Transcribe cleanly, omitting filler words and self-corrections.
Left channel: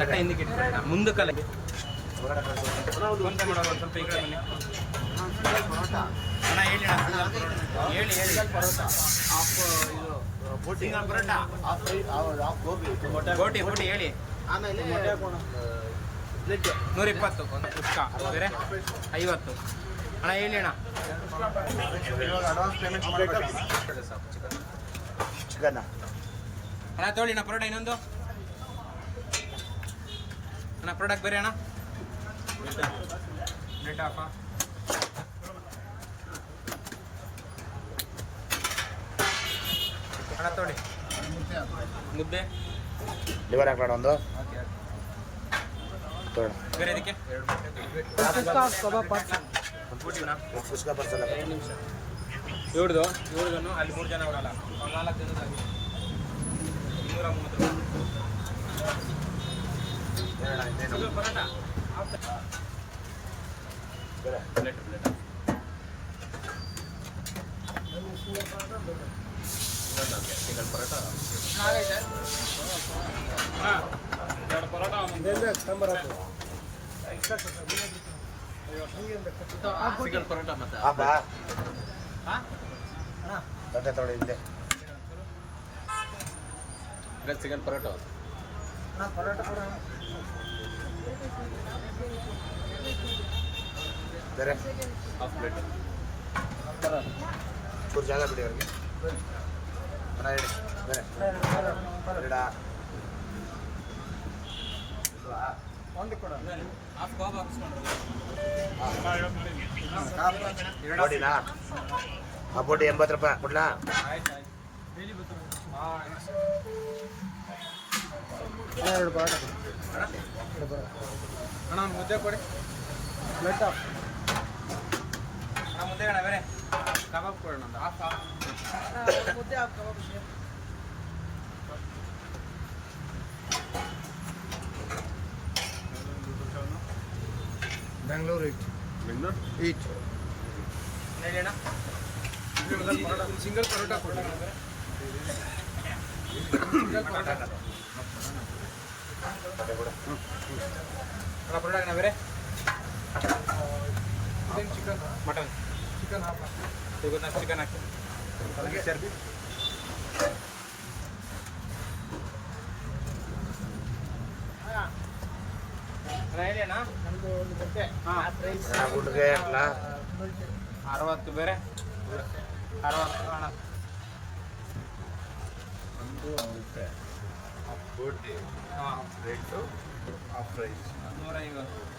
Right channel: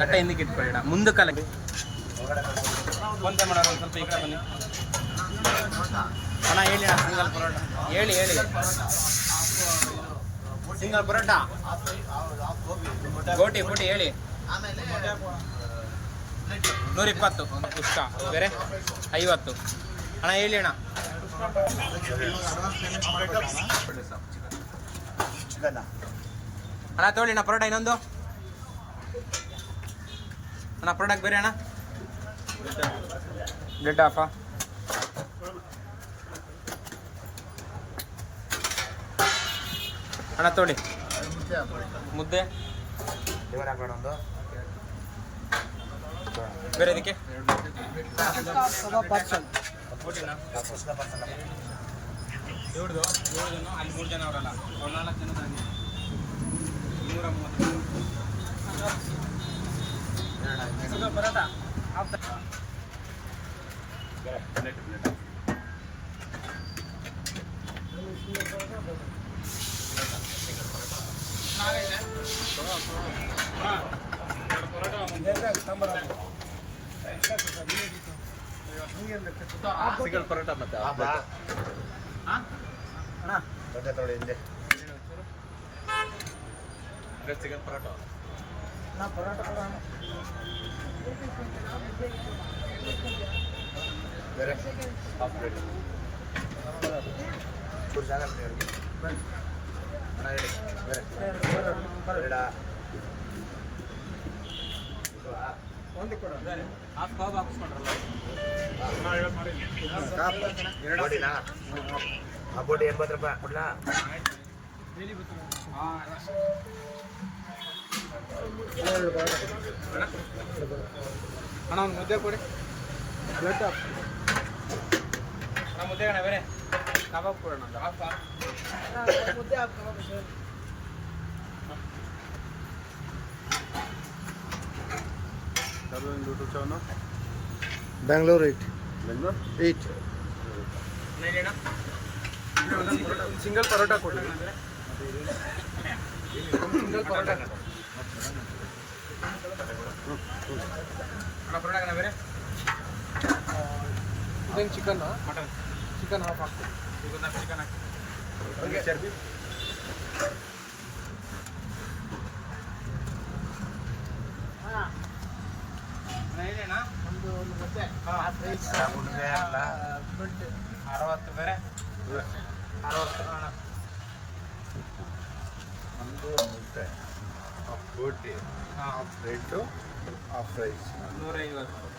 ತಟ್ಟೆ ಹಿಂದಕ್ಕೆ ಇಟ್ಕೊಳ್ಳಿ ಮುಂದಕ್ಕಲ್ಲ ಫೋನ್ಪೇ ಮಾಡೋರು ಒಂದು ಸ್ವಲ್ಪ ಈ ಕಡೆ ಬನ್ನಿ ಅಣ್ಣ ಹೇಳಿ ಅಣ್ಣ ಸಿಂಗಲ್ ಪರೋಟ ಹೇಳಿ ಸಿಂಗಲ್ ಪರೋಟ ಗೋಟಿ ಬೋಟಿ ಹೇಳಿ ಆಮೇಲೆ 120 ಒಂದು ಪುಷ್ಕ ಬೇರೆ 50 ಅಣ್ಣ ಹೇಳಿ ಅಣ್ಣ ಅಣ್ಣ ತೊಗೊಳ್ಳಿ ಅಣ್ಣ ಪರೋಟ ಇನ್ನೊಂದು ಅಣ್ಣ ಪರೋಟಕ್ಕೆ ಬೇರೆ ಅಣ್ಣ ಬ್ರೆಡ್ ಹಾಫಾ ಅಣ್ಣ ತೊಗೊಳ್ಳಿ ಮುದ್ದೆ ಲಿವರ್ ಹಾಕೋಣ ಒಂದು ಬೇರೆ ಇದಕ್ಕೆ ಇವ್ರದ್ದು ಅಲ್ಲಿ 3 ಜನ ಅವರಲ್ಲ ಅವ್ರು 4 ಜನ 230 ಪರೋಟ ಪ್ಲೇಟ್ ಹಾಂ 2 ಪರೋಟ ಸಿಂಗಲ್ ಪರೋಟ ಮತ್ತೆ ಚಿಕನ್ ಪರೋಟ ಪರೋಟ ಕೊಡ ಹಾಫ್ ಪ್ಲೇಟ್ ಚೂರು ಜಾಗ ಬಿಡಿ ಹಾಫ್ ಗೋಬ್ ಹಾಕಿಸ್ಕೊಂಡ್ರಲ್ಲ ಬೋಟಿ 80 ರೂಪಾಯಿ ಕೊಡ್ಲಾ ಅಣ್ಣ ಒಂದು ಮುದ್ದೆ ಕೊಡಿ ಬ್ಲಡ್ ಹಾಫ್ ಮುದ್ದೆ ಅಣ್ಣ ಬೇರೆ ಕಬಾಬ್ ಕೊಡೋಣ ಹಾಫ್ ಮುದ್ದೆ half kebab same Bengaluru 8 single parotta ಕೊಡಿ ಸಿಂಗಲ್ ಪರೋಟ ಪರೋಟ ಬೇರೆ ಇದೇನು ಚಿಕನ್ ಮಟನ್ ಚಿಕನ್ ಹಾಫ್ ಹಾಕ್ತೀವಿ ಚಿಕನ್ ಹಾಕಿ ಚರ್ಬಿ ಹೇಳಣ್ಣ ಒಂದು ಮುದ್ದೆ ಊಟಕ್ಕೆ 60 ಬೇರೆ 60 ಅಣ್ಣ ಒಂದು ಮುದ್ದೆ ಹಾಫ್ ಬೋಟಿ ಹಾಫ್ ಬ್ರೆಡ್ ಹಾಫ್ ರೈಸ್ 150